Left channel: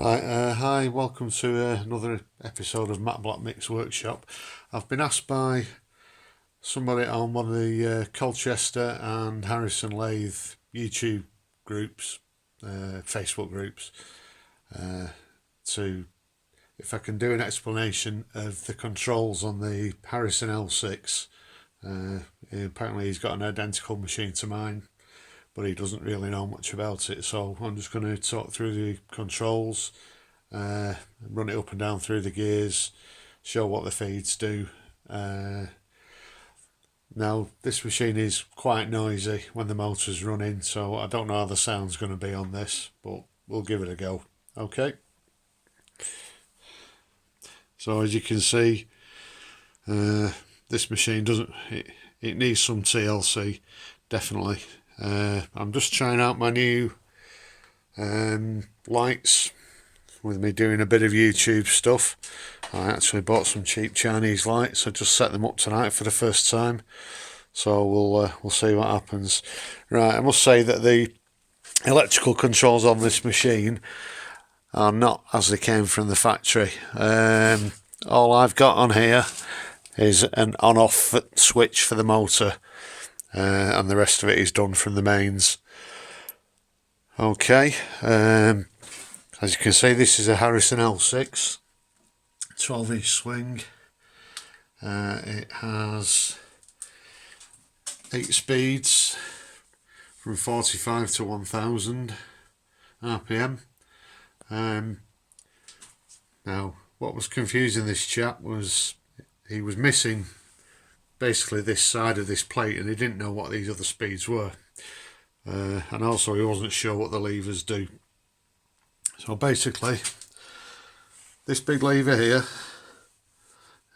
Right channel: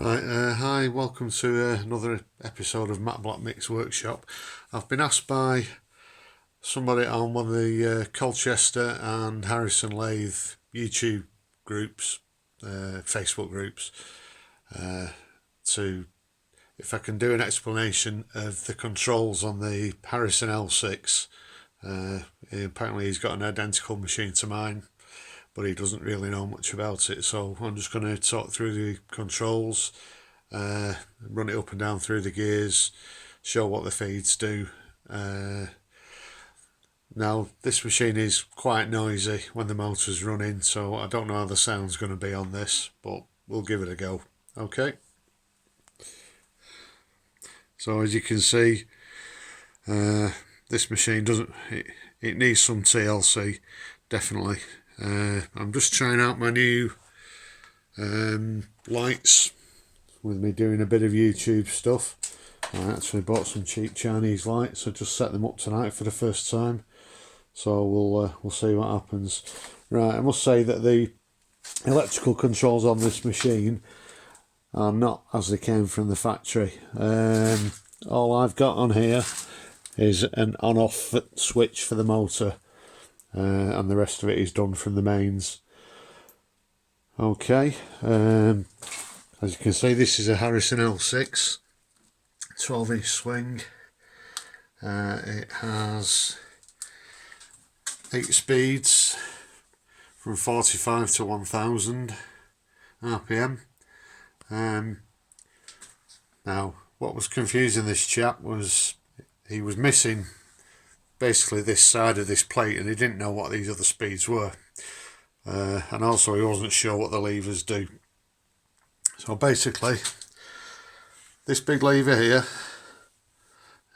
Right, hi, welcome to another episode of Matt Black Mix Workshop. I've been asked by somebody on one of the Colchester and Harrison Lathe YouTube groups, Facebook groups, to if I can do an explanation of the controls on the Harrison L6. Apparently he's got an identical machine to mine, but he doesn't really know much about it, so I'm just going to talk through the controls, run it up and down through the gears, show what the feeds do. Now this machine is quite noisy when the motor's running, so I don't know how the sound's going to be on this, but we'll give it a go. Okay, so as you can see, this machine it needs some TLC, definitely. I'm just trying out my new lights with me doing a bit of YouTube stuff. I actually bought some cheap Chinese lights. I just set them up tonight for the first time, so we'll see what happens. Right, I must say that the electrical controls on this machine are not as they came from the factory. All I've got on here is an on-off switch for the motor, and the rest of it is done from the mains. Okay, as you can see, this is a Harrison L6 12-inch swing. It has 8 speeds from 45 to 1000 RPM. Now, what was confusing this chap was he was missing basically this side of this plate, and he didn't know what these other speeds were, and also he wasn't sure what the levers do. So basically this big lever here,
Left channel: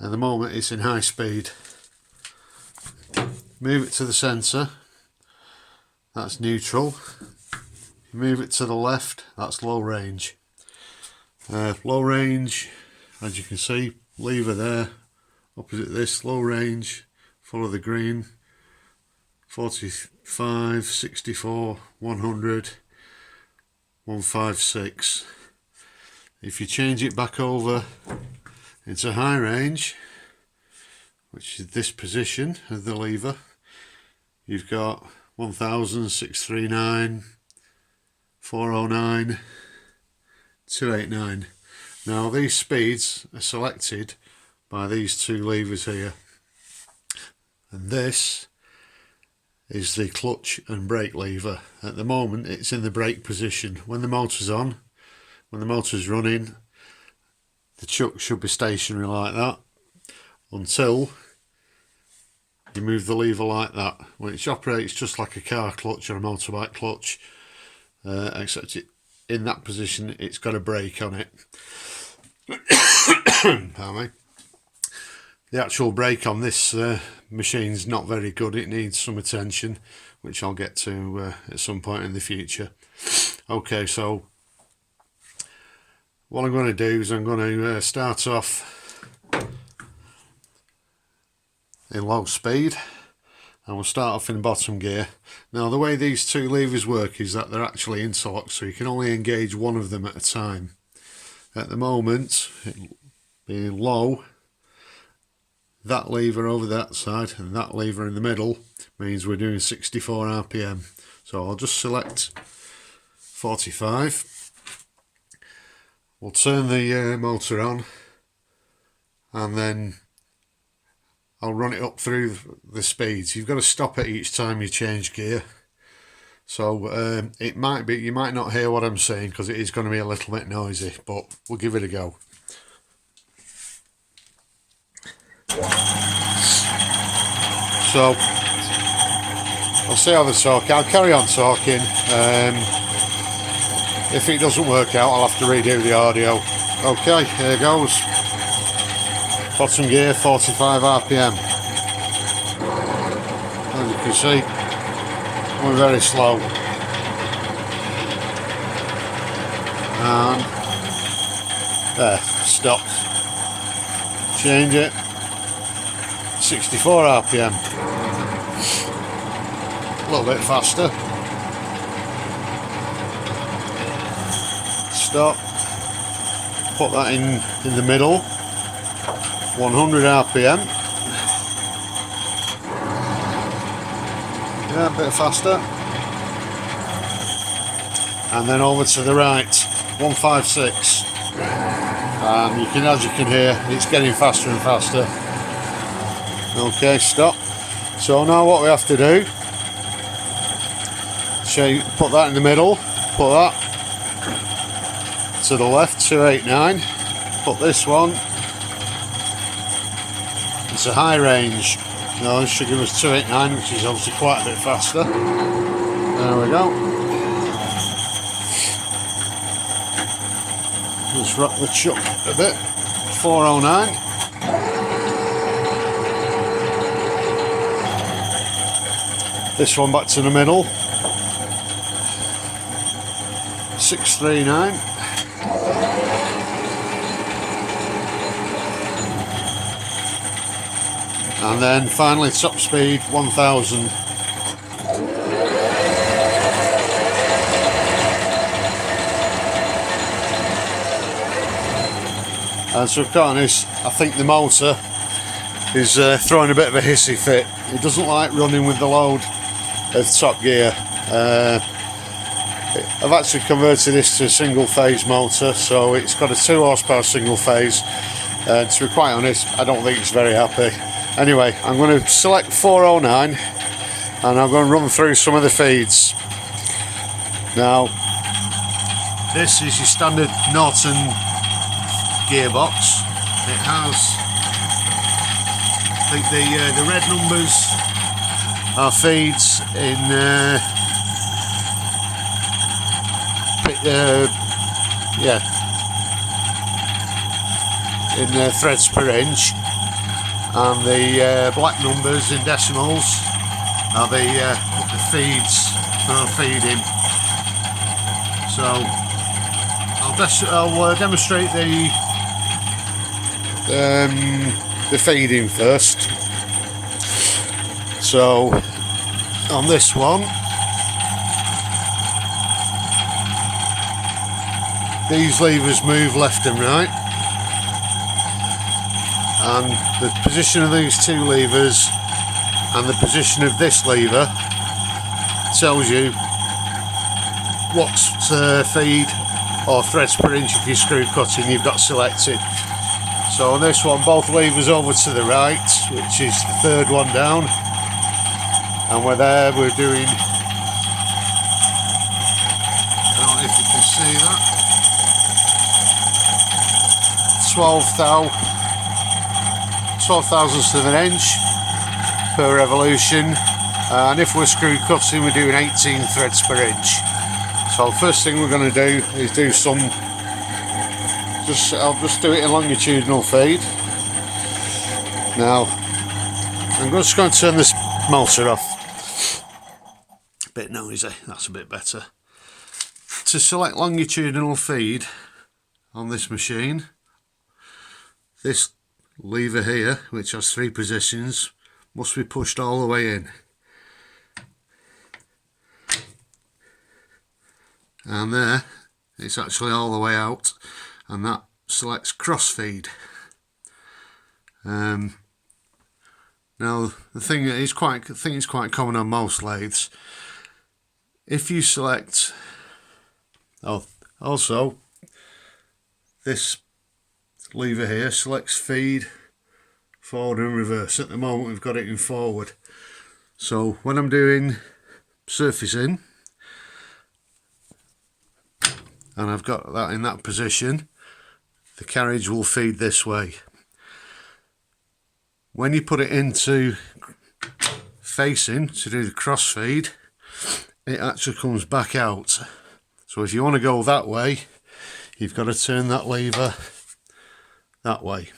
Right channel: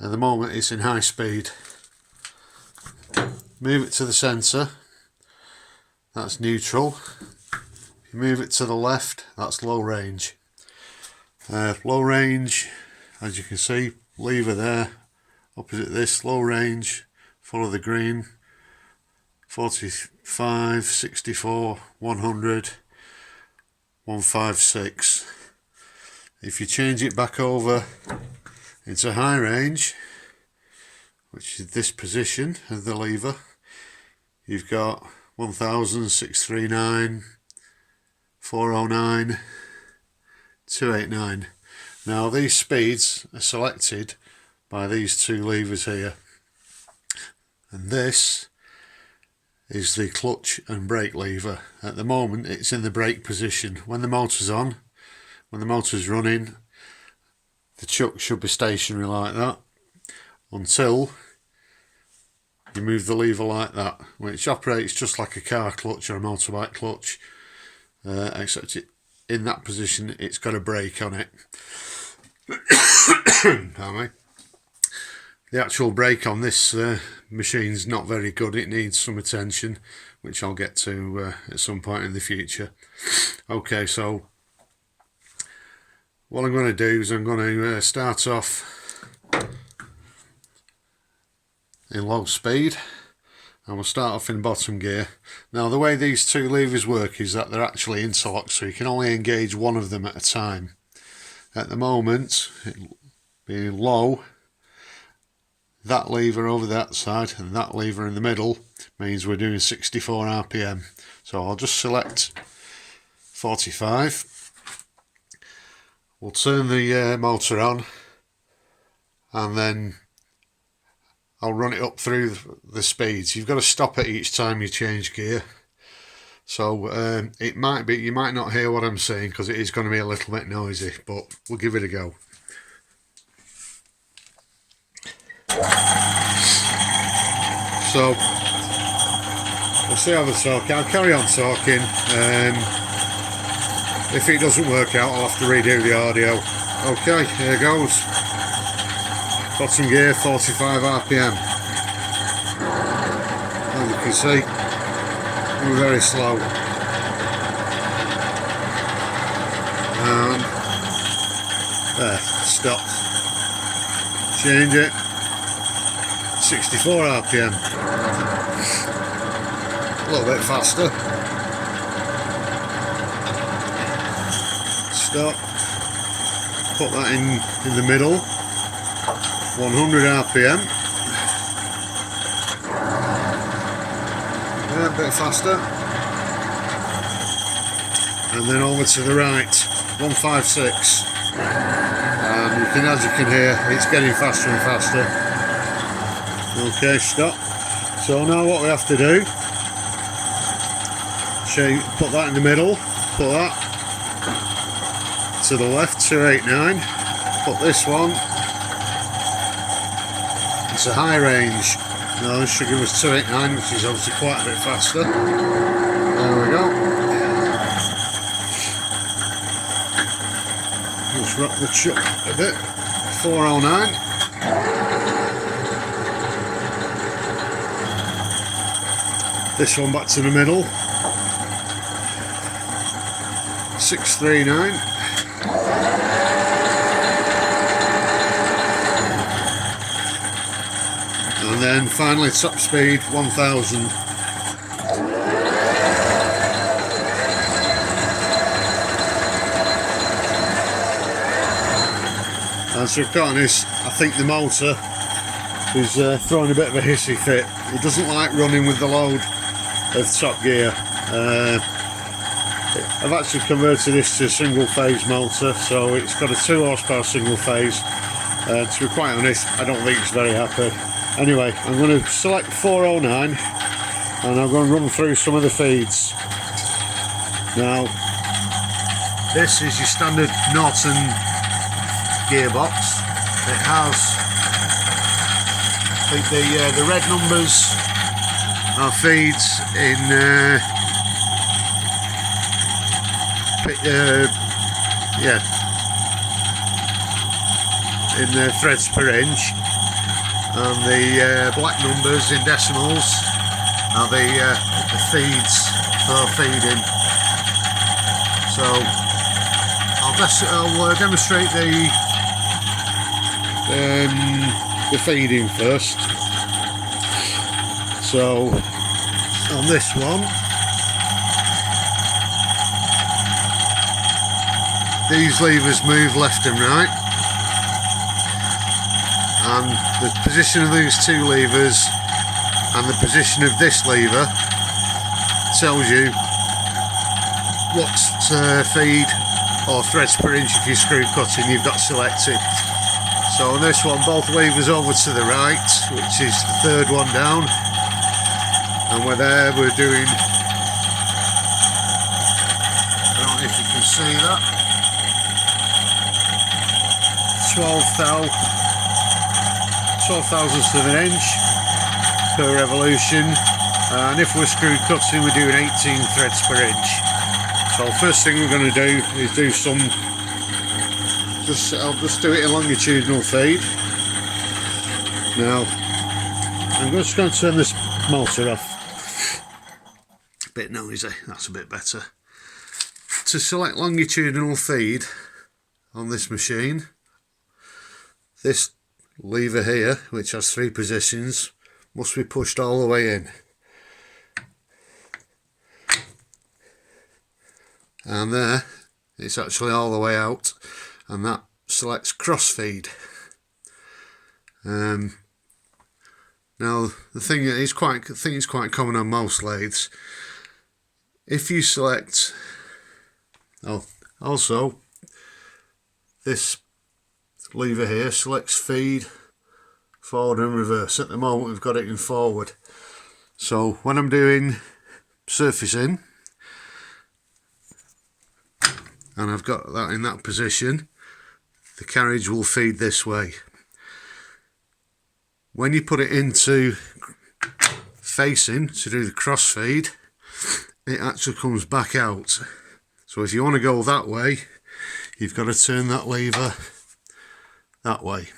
at the moment it's in high speed. Move it to the centre, that's neutral. You move it to the left, that's low range. Low range, as you can see, lever there opposite this, low range, follow the green, 45, 64, 100, 156. If you change it back over into high range, which is this position of the lever, you've got 1000, 639, 409, 289. Now these speeds are selected by these two levers here, and this is the clutch and brake lever. At the moment it's in the brake position. When the motor's on, when the motor's running, the chuck should be stationary like that until you move the lever like that, which operates just like a car clutch or a motorbike clutch, except in that position it's got a brake on it. Pardon me. The actual brake on this machine's not very good. It needs some attention, which I'll get to at some point in the future. Okay, so what I'm going to do is I'm going to start off in low speed, and we'll start off in bottom gear. Now the way these two levers work is that they're actually interlocked, so you can only engage one of them at a time. At the moment, being low, that lever over that side and that lever in the middle means we're doing 64 RPM. So I'll just select 45. We'll turn the motor on, and then I'll run it up through the speeds. You've got to stop it each time you change gear. So it might be, you might not hear what I'm saying because it is going to be a little bit noisy, but we'll give it a go. So I'll see how the talk. I'll carry on talking. If it doesn't work out, I'll have to redo the audio. Okay, here goes. Bottom gear, 45 RPM. As you can see, we're very slow. And there, stopped. Change it. 64 RPM. A little bit faster. Stop. put that in the middle, 100 RPM. Yeah, a bit faster. And then over to the right, 156. And as you can hear, it's getting faster and faster. Okay, stop. So now what we have to do, put that in the middle, put that to the left, 289, put this one, it's a high range. No, this should give us 289, which is obviously quite a bit faster. There we go. Just rock the chuck a bit. 409. This one back to the middle. 639. And then finally top speed 1000. And to be quite honest, I think the motor is throwing a bit of a hissy fit. It doesn't like running with the load of top gear. I've actually converted this to a single phase motor, so it's got a 2 horsepower single phase. To be quite honest, I don't think it's very happy. Anyway, I'm going to select 409 and I'm going to run through some of the feeds. Now, this is your standard Norton gearbox. It has, I think the red numbers are feeds in threads per inch, and the black numbers in decimals are the feeds for feeding. So I'll demonstrate the feeding first. So on this one, these levers move left and right, and the position of these two levers and the position of this lever tells you what feed or threads per inch if you're screw cutting you've got selected. So on this one, both levers over to the right, which is the third one down, and we're there, we're doing, I don't know if you can see that, 12 thousandths of an inch per revolution, and if we're screw cutting we're doing 18 threads per inch. So first thing we're going to do is do some, I'll just do it in longitudinal feed. Now I'm just going to turn this motor off. A bit noisy, that's a bit better. To select longitudinal feed on this machine, this lever here, which has 3 positions, must be pushed all the way in. And there, it's actually all the way out, and that selects crossfeed. Now the thing is quite common on most lathes. If you select, also this lever here selects feed forward and reverse. At the moment we've got it in forward. So when I'm doing surfacing and I've got that in that position, the carriage will feed this way. When you put it into facing to do the cross feed, it actually comes back out. So if you want to go that way, you've got to turn that lever that way.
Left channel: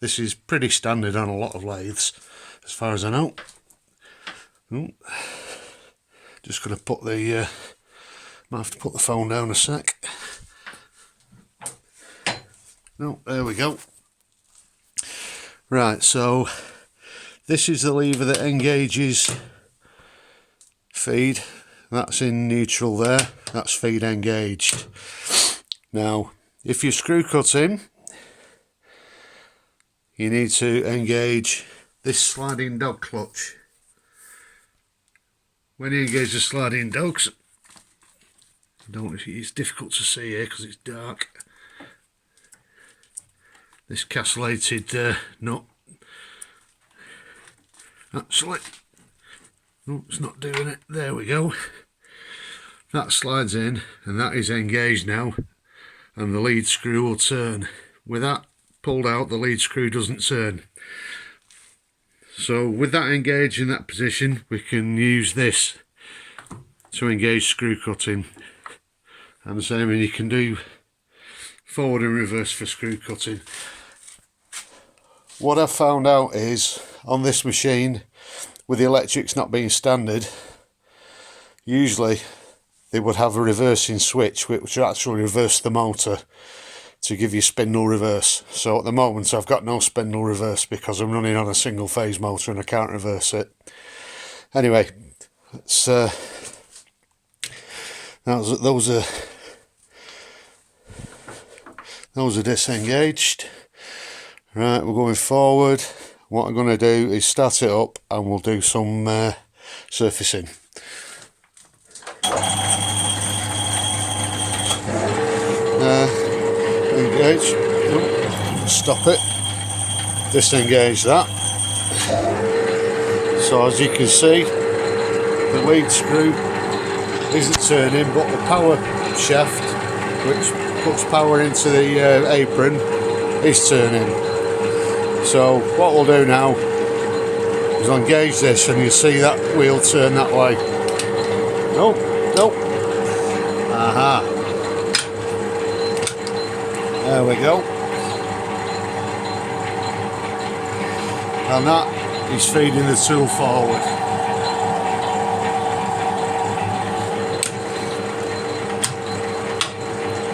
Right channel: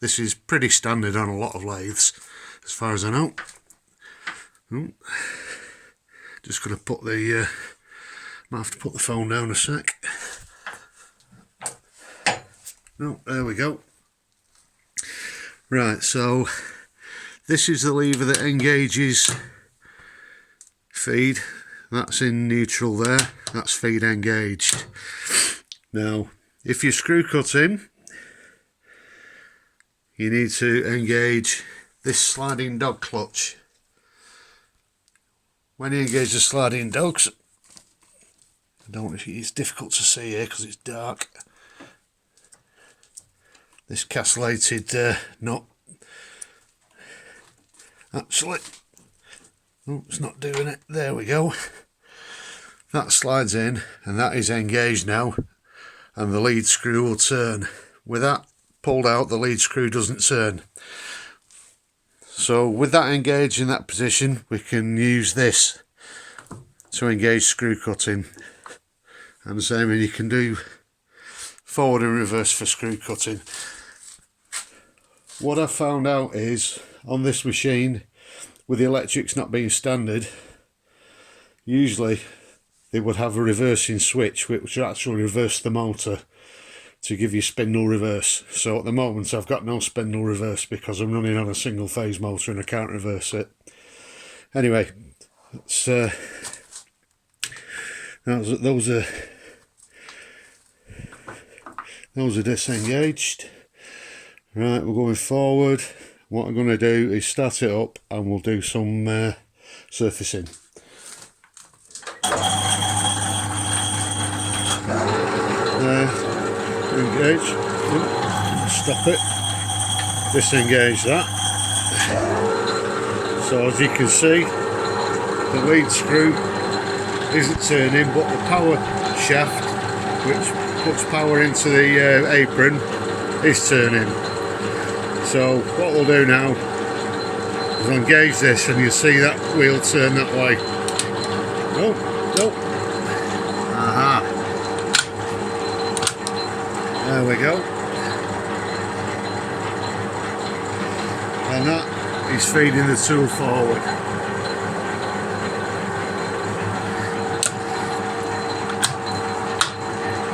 This is pretty standard on a lot of lathes, as far as I know. Just going to put the, might have to put the phone down a sec. No, there we go. Right, so this is the lever that engages feed. That's in neutral there. That's feed engaged. Now, if you're screw cutting, you need to engage this sliding dog clutch. When you engage the sliding dogs, it's difficult to see here because it's dark. This castellated nut, actually, oh, it's not doing it. There we go. That slides in, and that is engaged now, and the lead screw will turn. With that pulled out, the lead screw doesn't turn. So with that engaged in that position, we can use this to engage screw cutting. And the same, you can do forward and reverse for screw cutting. What I found out is, on this machine, with the electrics not being standard, usually they would have a reversing switch which would actually reverse the motor to give you spindle reverse. So at the moment I've got no spindle reverse because I'm running on a single phase motor and I can't reverse it. Anyway, it's those are disengaged. Right, we're going forward. What I'm going to do is start it up and we'll do some surfacing. Engage, stop it, disengage that. So as you can see, the lead screw isn't turning, but the power shaft, which puts power into the apron, is turning. So what we'll do now is engage this, and you'll see that wheel turn that way. No, no. Aha. There we go. And that is feeding the tool forward.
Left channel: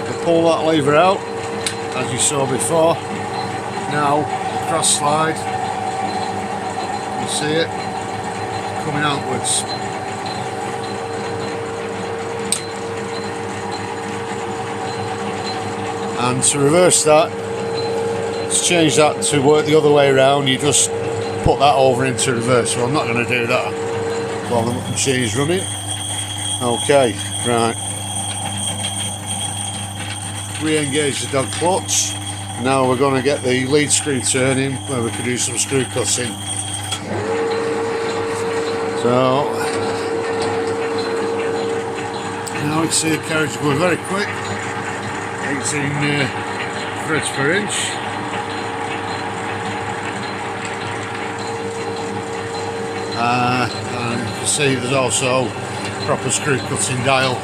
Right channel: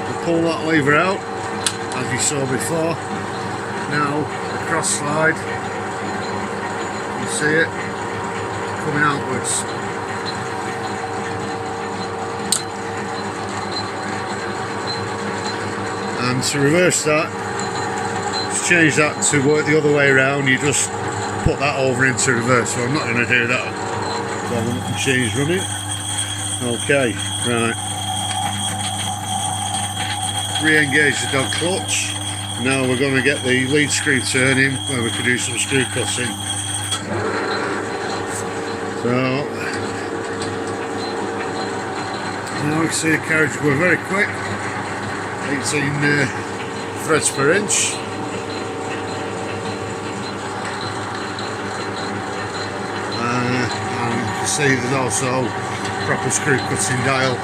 I pull that lever out, as you saw before. Now the cross slide, you see it coming outwards. And to reverse that, to change that to work the other way around, you just put that over into reverse. So I'm not going to do that while the machine is running. Okay, right. Re-engage the dog clutch. Now we're going to get the lead screw turning where we can do some screw cutting. So now we can see the carriage going very quick. 18 threads per inch. And you can see there's also proper screw cutting dial.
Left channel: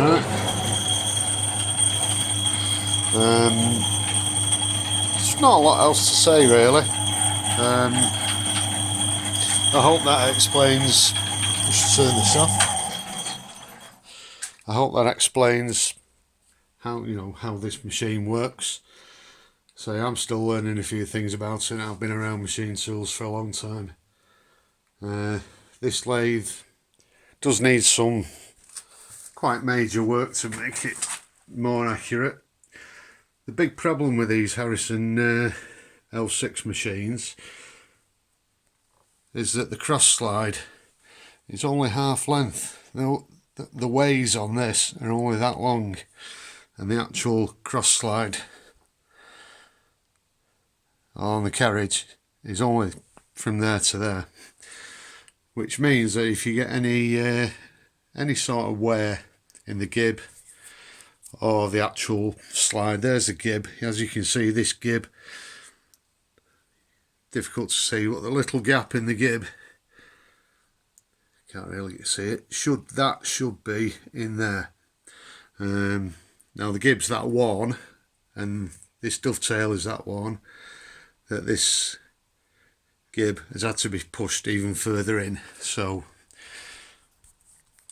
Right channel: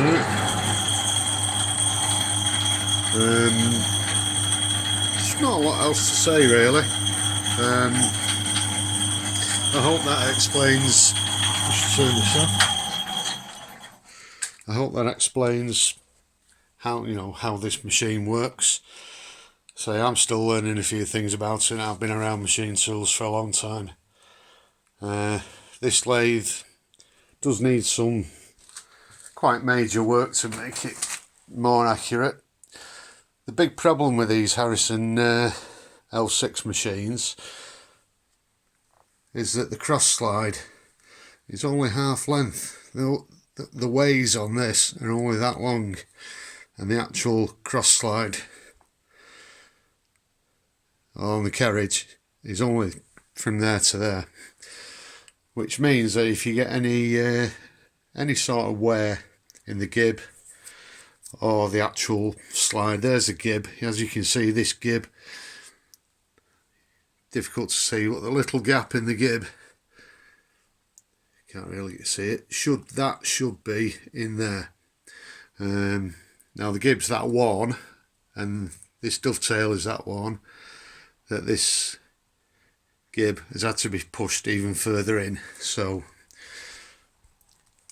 Right. There's not a lot else to say really. I hope that explains. Just turn this off. I hope that explains how how this machine works. So I'm still learning a few things about it. I've been around machine tools for a long time. This lathe does need some quite major work to make it more accurate. The big problem with these Harrison L6 machines is that the cross slide is only half length. The ways on this are only that long, and the actual cross slide on the carriage is only from there to there, which means that if you get any sort of wear in the gib or the actual slide, there's a gib. As you can see, this gib, difficult to see, but the little gap in the gib, can't really see it, should be in there. Now the gib's that worn, and this dovetail is that worn, that this gib has had to be pushed even further in. So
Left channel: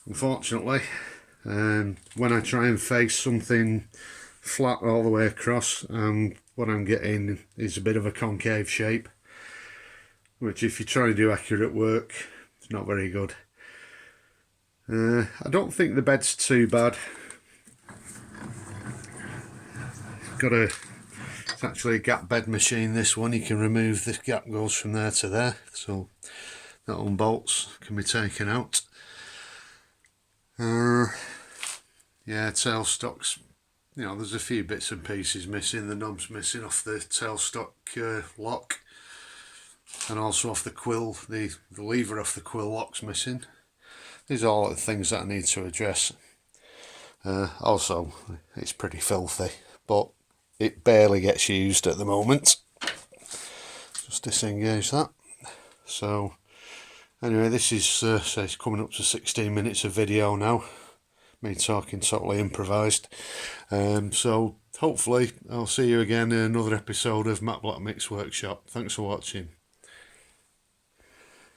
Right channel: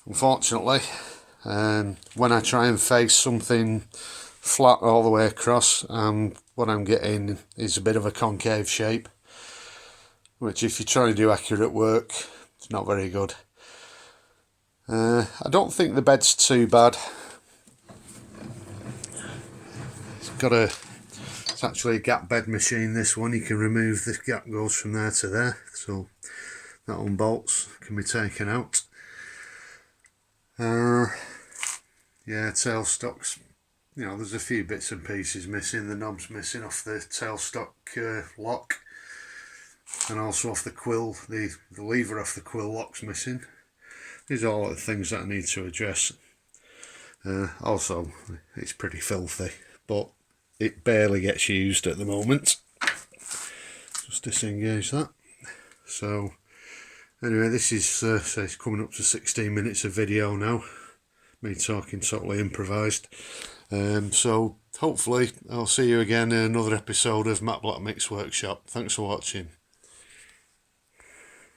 unfortunately, when I try and face something flat all the way across, what I'm getting is a bit of a concave shape, which if you're trying to do accurate work, it's not very good. I don't think the bed's too bad. It's actually a gap bed machine, this one. You can remove, the gap goes from there to there, so that unbolts, can be taken out. Yeah, tailstocks, you know, there's a few bits and pieces missing. The knob's missing off the tailstock lock, and also off the quill, the lever off the quill lock's missing. These are all the things that I need to address. Also, it's pretty filthy, but it barely gets used at the moment. Just disengage that. So anyway, this is so it's coming up to 16 minutes of video now, me talking totally improvised. So hopefully I'll see you again in another episode of Matt Black Mix Workshop. Thanks for watching.